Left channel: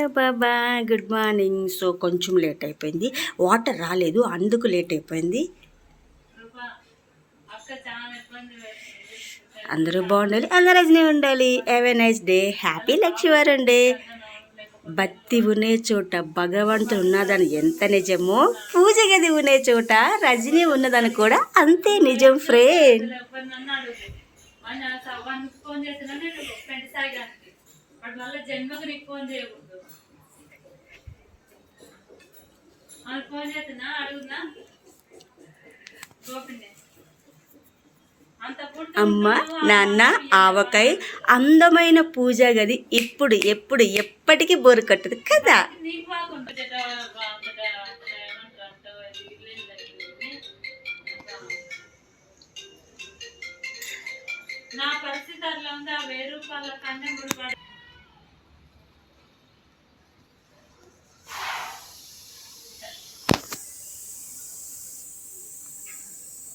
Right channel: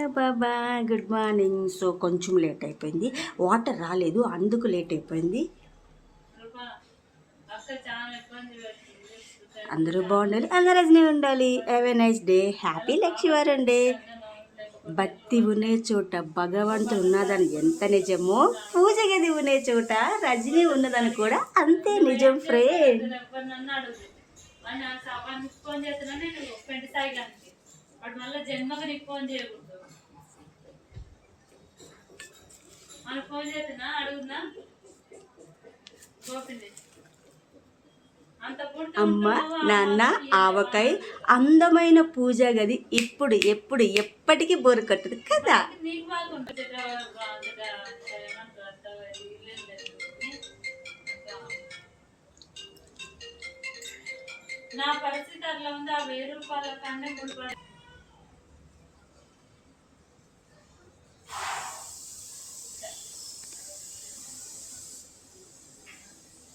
Hello Baba, good morning. So కొంచెం late అయిపోయింది, water రాలేదు, అందుకు లేట్ అయిపోయింది. అందరూ బాగుండాలి, అందరూ రజనీ ఉండాలి. Have a nice day. Happy లక్ష్మీవారం డే. భక్తి ఉనే చోట భగవంతుడు ఉన్నదని ఎంత నిజమో, పూజ గది ఉనే చోట రజనీ ఉన్నదని కూడా అంతే నిజం ఫ్రెండ్. అమ్మ నాన్న ఆవకాయ అందమైన పూజ గది ఇప్పుడు ఎప్పుడు ఎప్పటికీ బోరు కట్టదు కదా. నా పరిస్థితి అట్లా ఉంది. ఆ 1000 రూపాయల కన్నా